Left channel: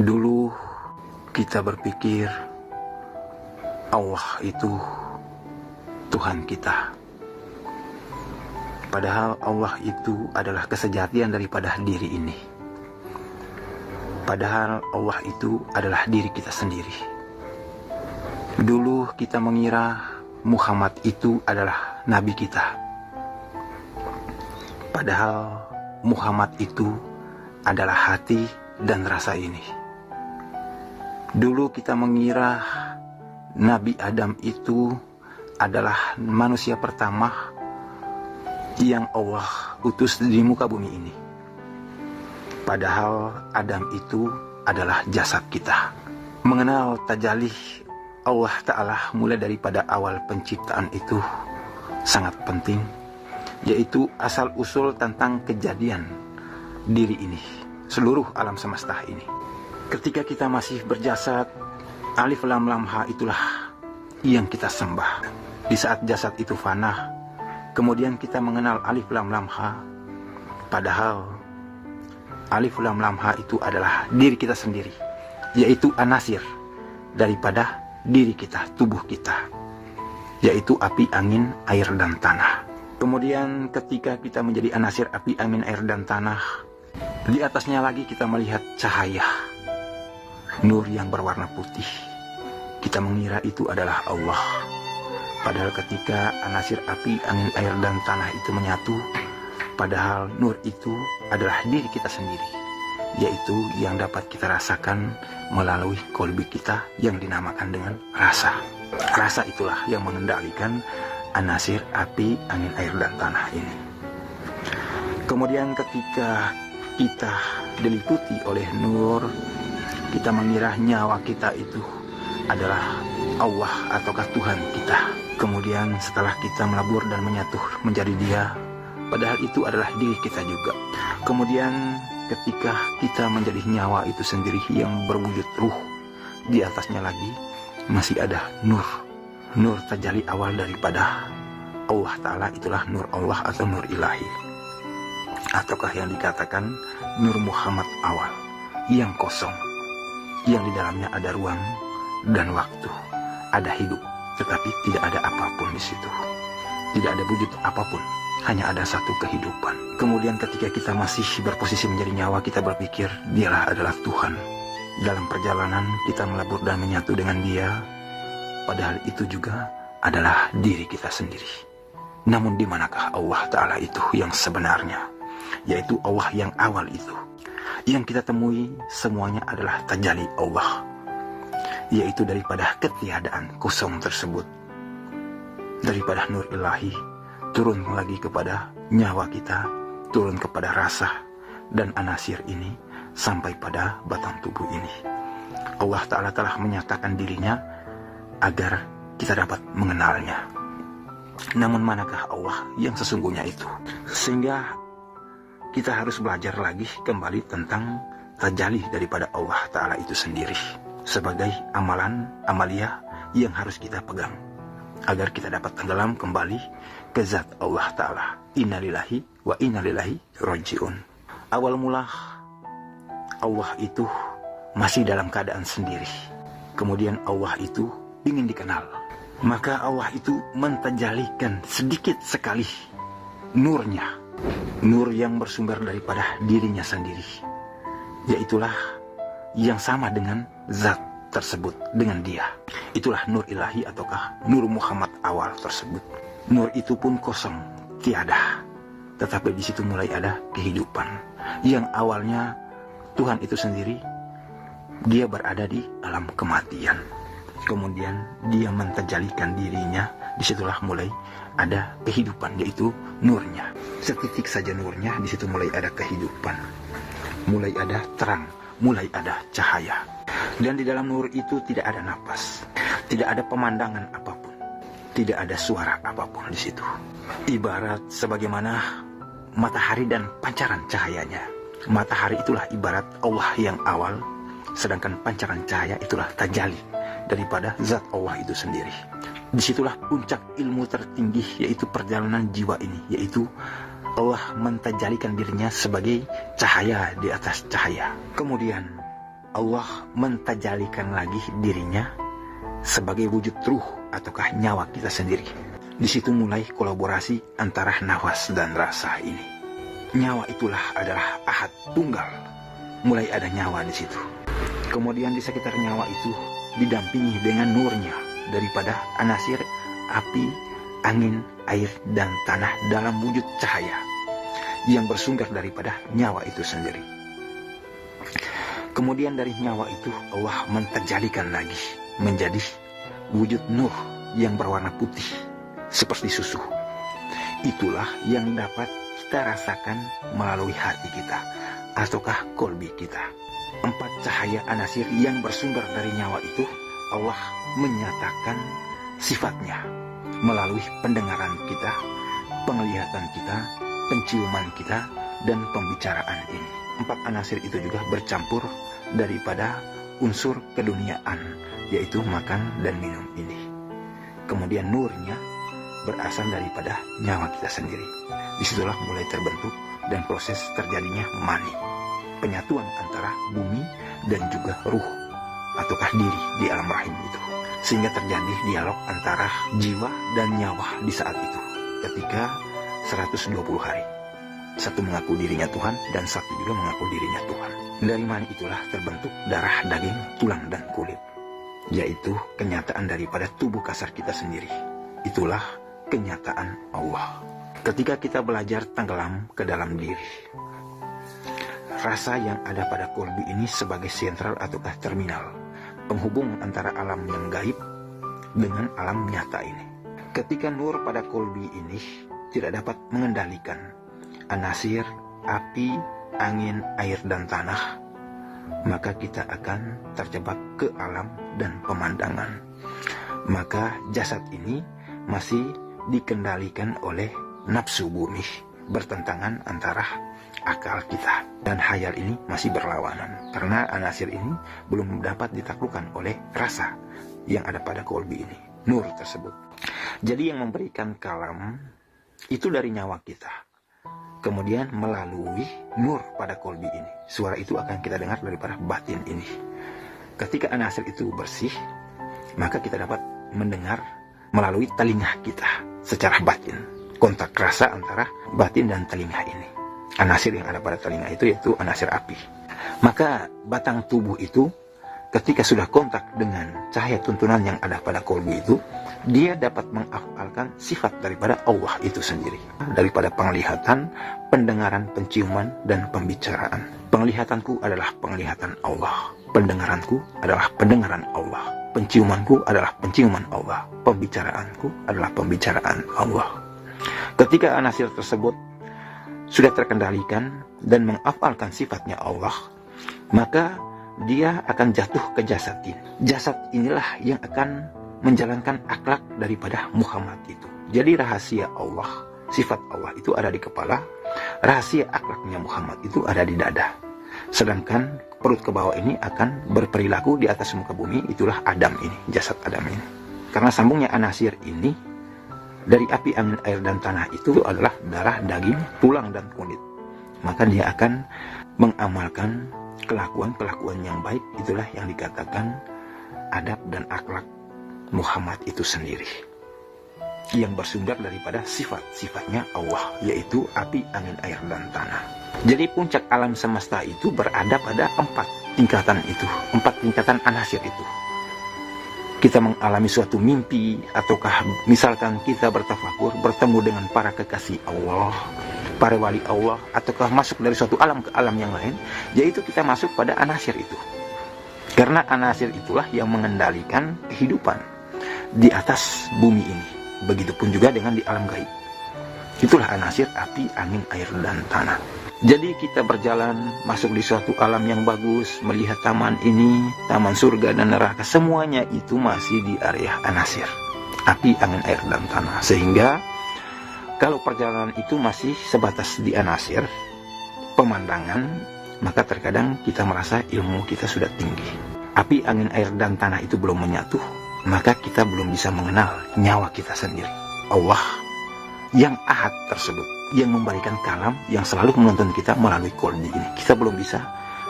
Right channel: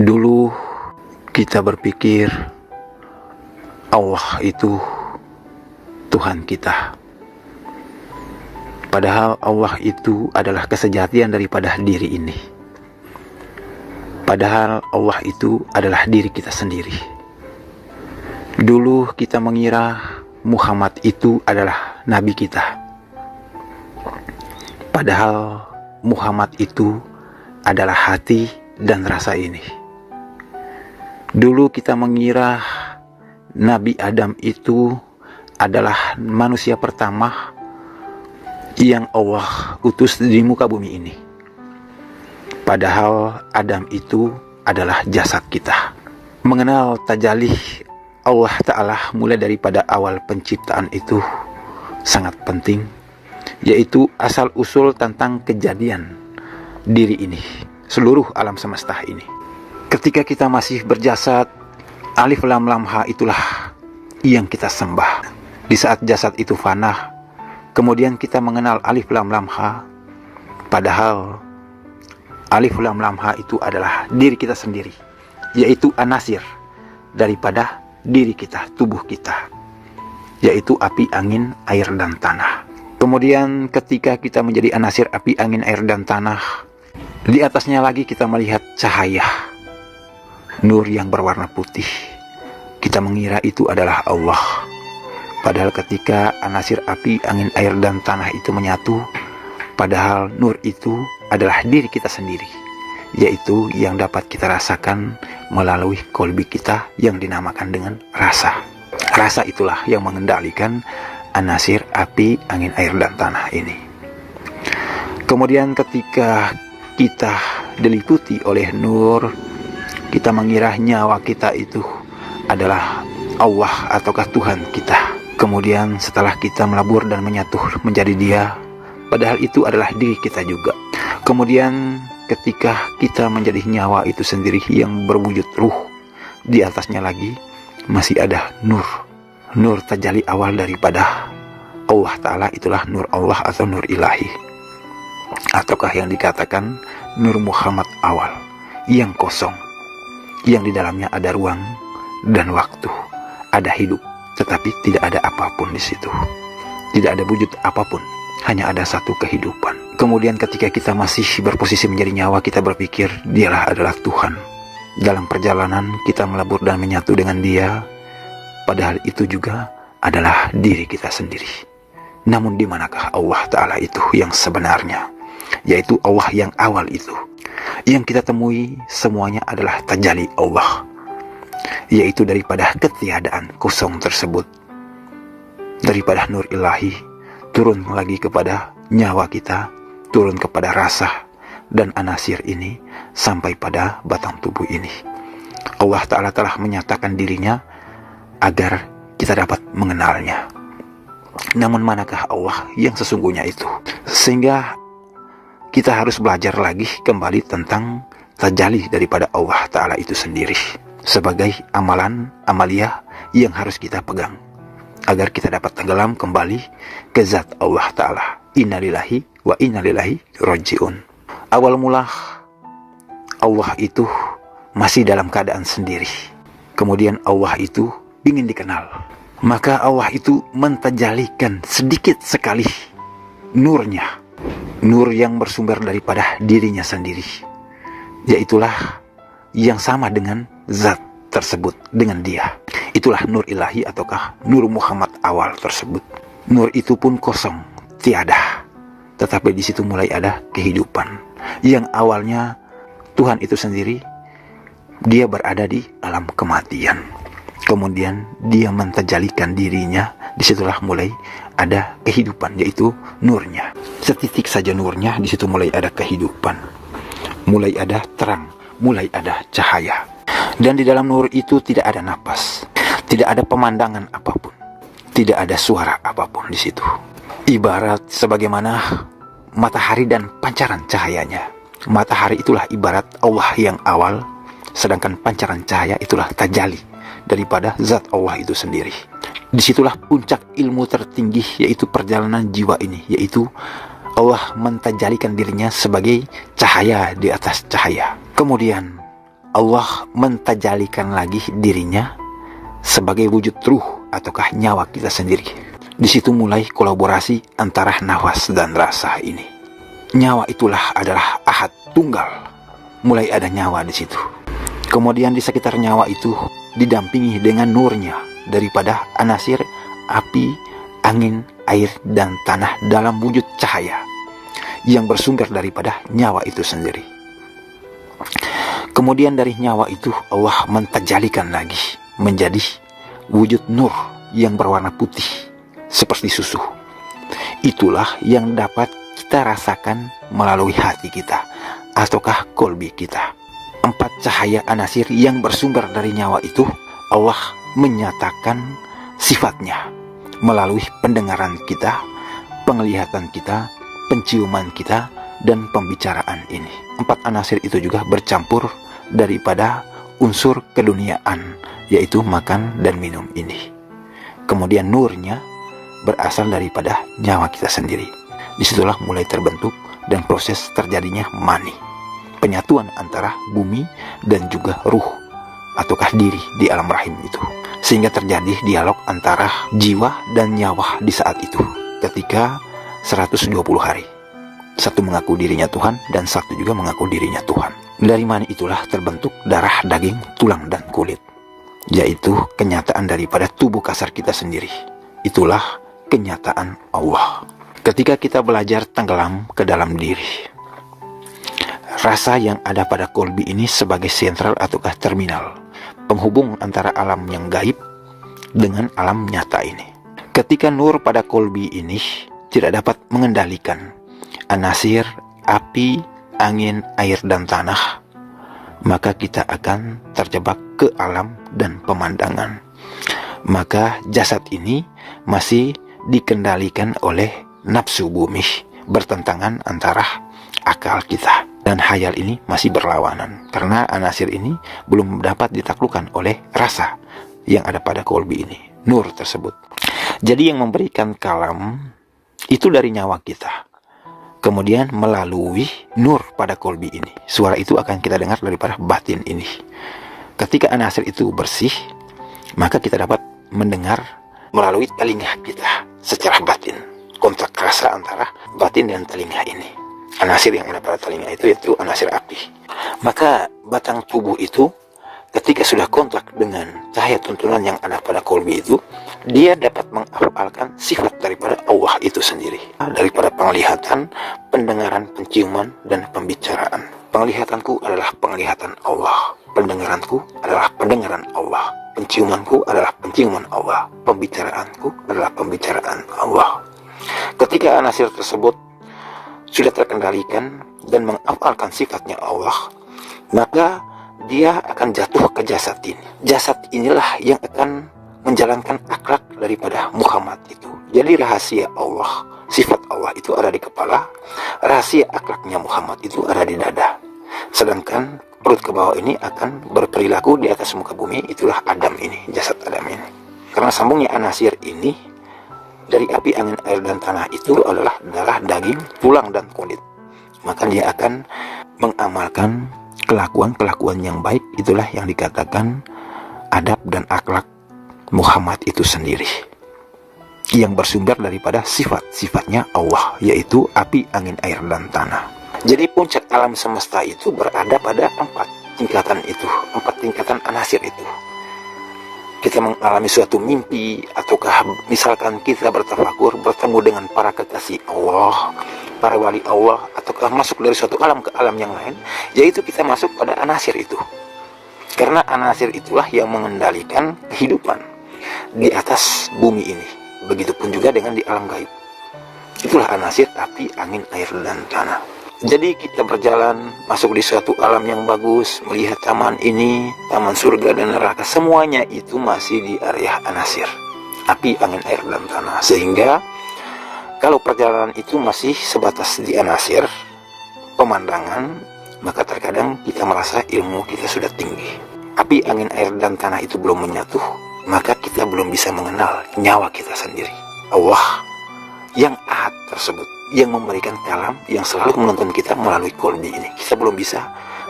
Dulu kita berpikir Allah itu Tuhan kita. Padahal Allah itu adalah kesejatian daripada diri ini. Padahal Allah itu adalah diri kita sendiri. Dulu kita mengira Muhammad itu adalah nabi kita. Padahal Muhammad itu adalah hati dan rasa ini. Dulu kita mengira Nabi Adam itu adalah manusia pertama yang Allah utus di muka bumi ini. Padahal Adam itu adalah jasad kita. Mengenal tajalih Allah Ta'ala mulai daripada awal penciptaan itu sangat penting, yaitu asal-usul tentang kejadian diri ini, seluruh alam semesta ini. Ketika kita masih berjasad, alif lam lam ha itulah yang kita sembah. Di saat jasad itu fana, kemudian kita mengenal alif lam lam ha. Padahal alif lam lam ha itu adalah diri kita sendiri, yaitu anasir daripada diri kita, tubuh kita, yaitu api, angin, air, dan tanah. Kemudian ketika kita menjadi anasir api, angin, air, dan tanah, di atasnya lagi kita melihat cahaya, nur yang berwarna putih. Kita mengira itu adalah Allah. Padahal ketika anasir api, angin, air, dan tanah itu menyatu, padahal nur itu adalah diri kita sendiri, yaitu yang dapat kita rasakan melalui kolbi kita yang dinamakan dengan rasa. Rasa itulah yang mengendalikan anasir api, angin, air, dan tanah ini. Kemudian ketika kita diliputi oleh nur, kita mengira nyawa kita itu adalah Allah ataukah Tuhan kita. Kemudian setelah kita melabur dan menyatu menjadi Dia, padahal itu adalah diri kita juga. Kemudian ketika kita menjadi nyawa itu sendiri yang berwujud ruh, di atasnya lagi masih ada nur. Nur tajalli awal daripada Allah Ta'ala, itulah nur Allah atau nur ilahi, ataukah yang dikatakan nur Muhammad awal, yang kosong, yang di dalamnya ada ruang dan waktu, ada hidup, tetapi tidak ada apapun di situ. Tidak ada wujud apapun, hanya ada satu kehidupan. Kemudian ketika kita masih berposisi menjadi nyawa, kita berpikir Dialah adalah Tuhan. Dalam perjalanan kita melabur dan menyatu dengan Dia, padahal itu juga adalah diri kita sendiri. Namun di manakah Allah Ta'ala itu yang sebenarnya, yaitu Allah yang awal itu. Yang kita temui semuanya adalah tajalli Allah, yaitu daripada ketiadaan kosong tersebut, daripada nur ilahi turun lagi kepada nyawa kita, turun kepada rasa dan anasir ini, sampai pada batang tubuh ini. Allah Ta'ala telah menyatakan dirinya agar kita dapat mengenalnya. Namun manakah Allah yang sesungguhnya itu? Sehingga kita harus belajar lagi kembali tentang tajalli daripada Allah Ta'ala itu sendiri, sebagai amalia yang harus kita pegang, agar kita dapat tenggelam kembali ke zat Allah Ta'ala. Innalillahi wa innalillahi raji'un. Awal mula Allah itu masih dalam keadaan sendiri. Kemudian Allah itu ingin dikenal. Maka Allah itu mentajalikan sedikit sekali nurnya, nur yang bersumber daripada dirinya sendiri, yaitulah yang sama dengan zat tersebut, dengan Dia. Itulah nur ilahi ataukah nur Muhammad awal tersebut. Nur itu pun kosong, tiada, tetapi di situ mulai ada kehidupan. Yang awalnya Tuhan itu sendiri, Dia berada di alam kematian. Kemudian Dia mentajalikan dirinya, disitulah mulai ada kehidupan, yaitu nurnya. Setitik saja nurnya, di situ mulai ada kehidupan, mulai ada terang, mulai ada cahaya. Dan di dalam nur itu tidak ada napas, tidak ada pemandangan apapun, tidak ada suara apapun di situ. Ibarat sebagaimana matahari dan pancaran cahayanya. Matahari itulah ibarat Allah yang awal, sedangkan pancaran cahaya itulah tajalli daripada zat Allah itu sendiri. Disitulah puncak ilmu tertinggi, yaitu perjalanan jiwa ini, yaitu Allah mentajalikan dirinya sebagai cahaya di atas cahaya. Kemudian Allah mentajalikan lagi dirinya sebagai wujud ruh ataukah nyawa kita sendiri. Di situ mulai kolaborasi antara nafas dan rasa ini. Nyawa itulah adalah ahad tunggal. Mulai ada nyawa di situ. Kemudian di sekitar nyawa itu didampingi dengan nurnya daripada anasir api, angin, air, dan tanah dalam wujud cahaya yang bersumber daripada nyawa itu sendiri. Kemudian dari nyawa itu Allah mentajalikan lagi menjadi wujud nur yang berwarna putih seperti susu. Itulah yang dapat kita rasakan melalui hati kita ataukah kolbi kita. 4 cahaya anasir yang bersumber dari nyawa itu Allah menyatakan sifatnya melalui pendengaran kita, penglihatan kita, penciuman kita, dan pembicaraan ini. 4 anasir itu juga bercampur daripada unsur keduniaan, yaitu makan dan minum ini. Kemudian nurnya berasal daripada nyawa kita sendiri. Disitulah mulai terbentuk dan proses terjadinya mani, penyatuan antara bumi dan juga ruh ataukah diri di alam rahim itu, sehingga terjadi dialog antara jiwa dan nyawa di saat itu ketika 120 hari. Satu mengaku dirinya Tuhan dan satu juga mengaku dirinya Tuhan. Dari mani itulah terbentuk darah, daging, tulang, dan kulit, yaitu kenyataan daripada tubuh kasar kita sendiri. Itulah kenyataan Allah. Ketika kita belajar tenggelam ke dalam diri, rasa yang ada pada kolbi ini sebagai sentral ataukah terminal penghubung antara alam yang gaib dengan alam nyata ini. Ketika nur pada kolbi ini tidak dapat mengendalikan anasir, api, angin, air, dan tanah, maka kita akan terjebak ke alam dan pemandangan. Maka jasad ini masih dikendalikan oleh nafsu bumi, bertentangan antara akal kita. Dan hayal ini masih berlawanan, karena anasir ini belum dapat ditaklukkan oleh rasa yang ada pada kolbi ini, nur tersebut. Jadi yang memberikan kalam itu dari nyawa kita. Kemudian melalui nur pada kolbi ini, suara itu akan kita dengar daripada batin ini. Ketika anasir itu bersih, maka kita dapat mendengar melalui telinga kita secara batin. Kontak rasa antara batin dan telinga ini. Anasir yang ada pada telinga itu yaitu anasir api. Maka batang tubuh itu ketika sudah kontak dengan cahaya tuntunan yang ada pada kolbi itu, dia dapat menghafalkan sifat daripada Allah itu sendiri. Daripada penglihatan, pendengaran, penciuman, dan pembicaraan. Penglihatanku adalah penglihatan Allah. Pendengaranku adalah pendengaran Allah. Penciumanku adalah penciuman Allah. Pembicaraanku adalah pembicaraan Allah. Ketika anasir tersebut sudah terkendalikan dan menghafalkan sifatnya Allah, maka dia akan jatuh ke jasad ini. Jasad inilah yang akan menjalankan akhlak daripada Muhammad itu. Jadi rahasia Allah, sifat Allah itu ada di kepala, rahasia akhlaknya Muhammad itu ada di dada. Sedangkan perut ke bawah ini akan berperilaku di atas muka bumi, itulah Adam ini, jasad Adam ini. Karena sambungnya anasir ini dari api, angin, air, dan tanah itu adalah darah, daging, tulang, dan kulit. Maka dia akan mengamalkan kelakuan-kelakuan yang baik. Itulah yang dikatakan adab dan akhlak Muhammad itu sendiri, yang bersumber daripada sifat-sifatnya Allah, yaitu api, angin, air, dan tanah. Jadi puncak alam semesta itu berada pada 4 tingkatan itu, 4 tingkatan anasir itu. Kita mengalami suatu mimpi, ataukah misalkan kita bertafakur bertemu dengan para kekasih Allah, para wali Allah, ataukah masuk dari suatu alam ke alam yang lain, yaitu kita masuk pada anasir itu. Karena anasir itulah yang mengendalikan kehidupan di atas bumi ini. Begitupun juga dengan di alam gaib. Itulah anasir api, angin, air, dan tanah. Jadi kita berjalan masuk di suatu alam yang bagus, melihat taman ini, taman surga dan neraka, semuanya itu masih di area anasir, api, angin, air, dan tanah. Sehingga kalau perjalanan itu masih sebatas di anasir, pemandangan, maka terkadang kita merasa ilmu kita sudah tinggi. Api, angin, air, dan tanah itu belum menyatu, maka kita belum bisa mengenal nyawa kita sendiri. Allah yang ahad tersebut, yang memberikan kalam, yang selalu menuntun kita melalui kolbi ini. Kita belum bisa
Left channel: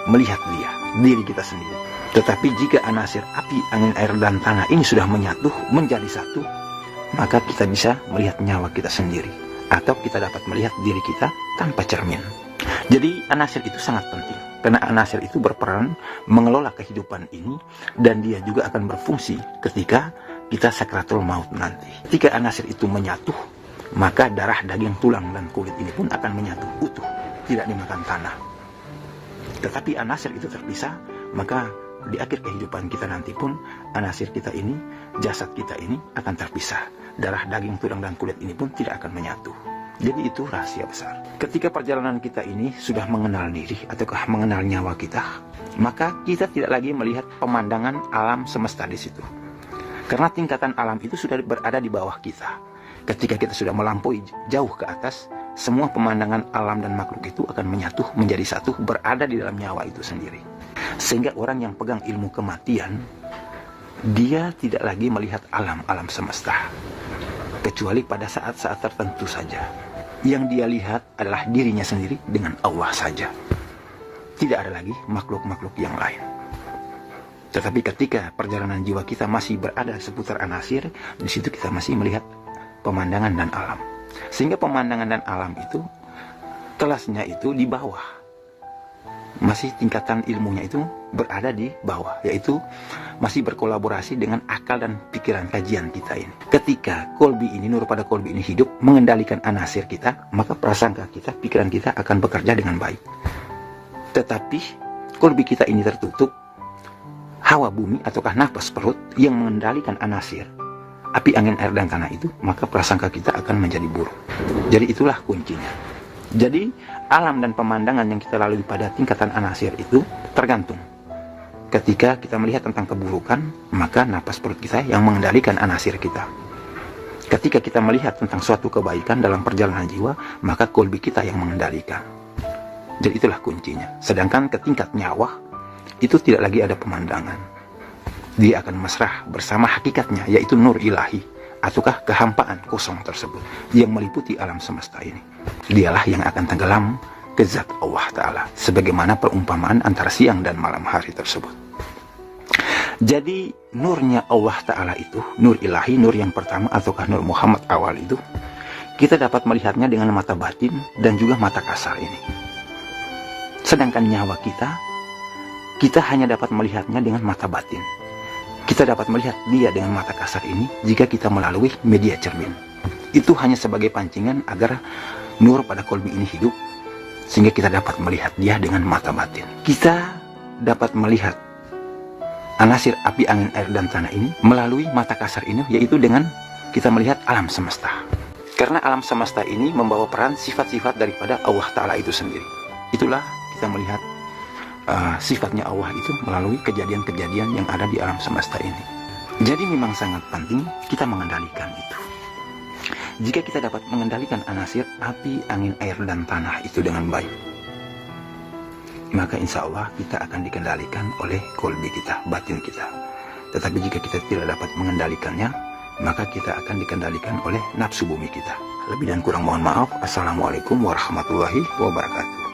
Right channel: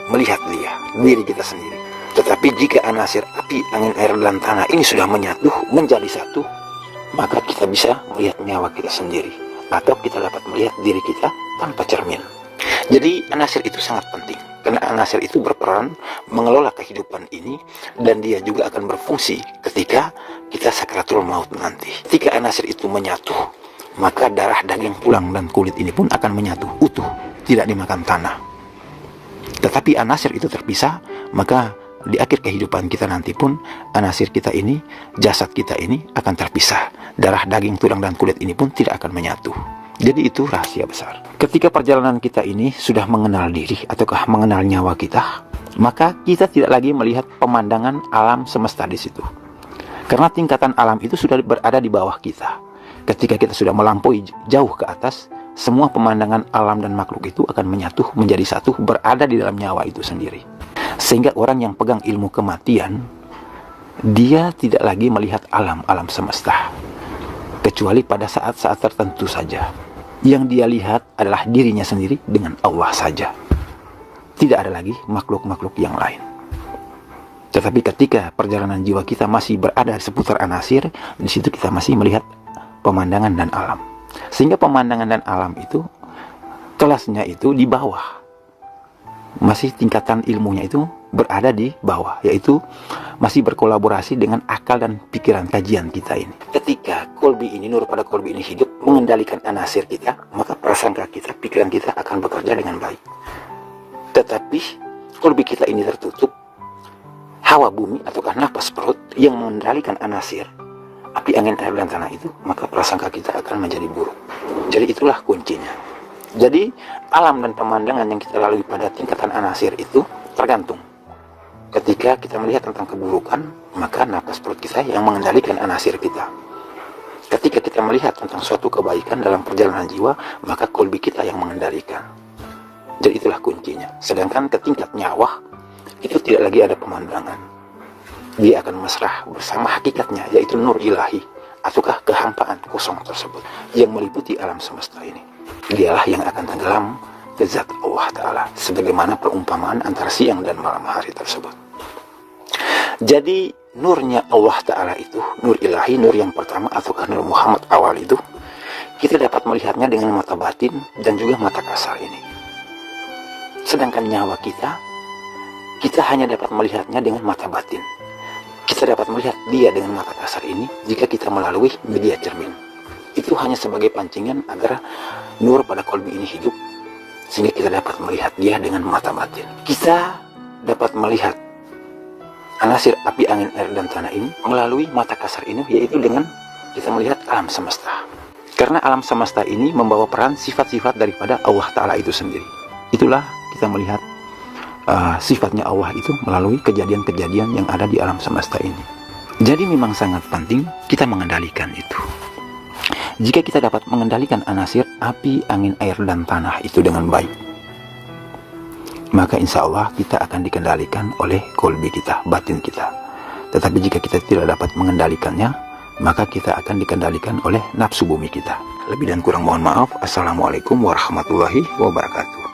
melihat diri kita sendiri. Tetapi jika anasir api, angin, air, dan tanah ini sudah menyatu menjadi satu, maka kita bisa melihat nyawa kita sendiri, atau kita dapat melihat diri kita tanpa cermin. Jadi anasir itu sangat penting, karena anasir itu berperan mengelola kehidupan ini, dan dia juga akan berfungsi ketika kita sakratul maut nanti. Ketika anasir itu menyatu, maka darah, daging, tulang, dan kulit ini pun akan menyatu utuh, tidak dimakan tanah. Tetapi anasir itu terpisah, maka di akhir kehidupan kita nanti pun anasir kita ini, jasad kita ini akan terpisah. Darah, daging, tulang, dan kulit ini pun tidak akan menyatu. Jadi itu rahasia besar. Ketika perjalanan kita ini sudah mengenal diri ataukah mengenal nyawa kita, maka kita tidak lagi melihat pemandangan alam semesta di situ. Karena tingkatan alam itu sudah berada di bawah kita. Ketika kita sudah melampaui jauh ke atas, semua pemandangan alam dan makhluk itu akan menyatu menjadi satu, berada di dalam nyawa itu sendiri. Sehingga orang yang pegang ilmu kematian, dia tidak lagi melihat alam semesta, kecuali pada saat-saat tertentu saja. Yang dia lihat adalah dirinya sendiri dengan Allah saja. Tidak ada lagi makhluk-makhluk yang lain. Tetapi ketika perjalanan jiwa kita masih berada seputar anasir, di situ kita masih melihat pemandangan dan alam. Sehingga pemandangan dan alam itu, kelasnya itu di bawah. Masih tingkatan ilmunya itu berada di bawah, yaitu masih berkolaborasi dengan akal dan pikiran kajian kita ini. Ketika kolbi ini, nur pada kolbi ini hidup mengendalikan anasir kita, maka prasangka kita, pikiran kita akan bekerja dengan baik. Tetapi kolbi kita ini tertutup, hawa bumi ataukah nafas perut yang mengendalikan anasir, api, angin, air, dan tanah itu, maka prasangka kita akan menjadi buruk. Jadi itulah kuncinya. Jadi alam dan pemandangan yang kita lalui pada tingkatan anasir itu tergantung. Ketika kita melihat tentang keburukan, maka napas perut kita yang mengendalikan anasir kita. Ketika kita melihat tentang suatu kebaikan dalam perjalanan jiwa, maka kolbi kita yang mengendalikan. Jadi itulah kuncinya. Sedangkan ke tingkat nyawa, itu tidak lagi ada pemandangan. Dia akan mesrah bersama hakikatnya, yaitu nur ilahi, ataukah kehampaan kosong tersebut yang meliputi alam semesta ini. Dialah yang akan tenggelam ke zat Allah Ta'ala, sebagaimana perumpamaan antara siang dan malam hari tersebut. Jadi nurnya Allah Ta'ala itu, nur ilahi, nur yang pertama ataukah nur Muhammad awal itu, kita dapat melihatnya dengan mata batin dan juga mata kasar ini. Sedangkan nyawa kita hanya dapat melihatnya dengan mata batin. Kita dapat melihat dia dengan mata kasar ini jika kita melalui media cermin. Itu hanya sebagai pancingan agar nur pada kolbi ini hidup, sehingga kita dapat melihat dia dengan mata batin. Kita dapat melihat anasir api, angin, air, dan tanah ini melalui mata kasar ini, yaitu dengan kita melihat alam semesta. Karena alam semesta ini membawa peran sifat-sifat daripada Allah Ta'ala itu sendiri. Itulah kita melihat sifatnya Allah itu melalui kejadian-kejadian yang ada di alam semesta ini. Jadi memang sangat penting kita mengendalikan itu. Jika kita dapat mengendalikan anasir api, angin, air, dan tanah itu dengan baik, maka insya Allah kita akan dikendalikan oleh kolbi kita, batin kita. Tetapi jika kita tidak dapat mengendalikannya, maka kita akan dikendalikan oleh nafsu bumi kita. Lebih dan kurang mohon maaf. Assalamualaikum warahmatullahi wabarakatuh.